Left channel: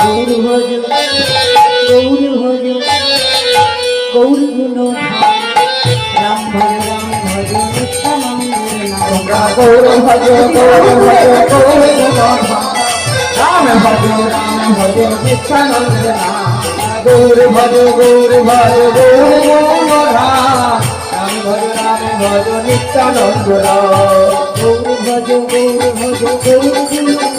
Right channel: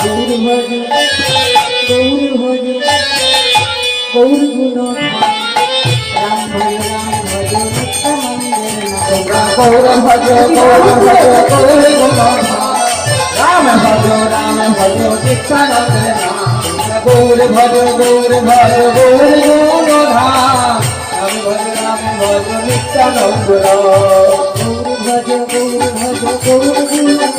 গৌর গুণ রাম ভজ গৌর ভজ গৌর ভজ গৌর গুণ রাম ভজ নিত্যানন্দ গৌর ভজ গৌর ভজ গৌর গুণ রাম ভজ নিত্যানন্দ গৌর ভজ গৌর ভজ গৌর গুণ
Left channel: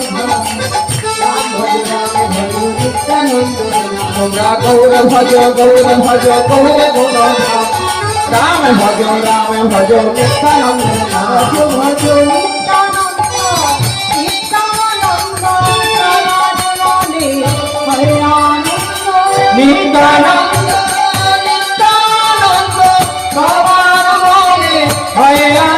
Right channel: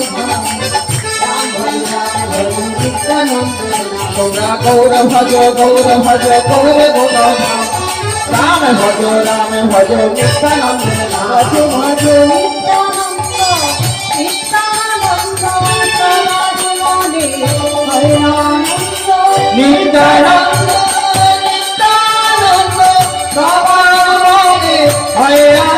গৌর ভজ গৌর ভজ গৌর গুণ রাম ভজ নিত্যানন্দ ভজ ভজ নিত্যানন্দ নিত্যানন্দ ভয়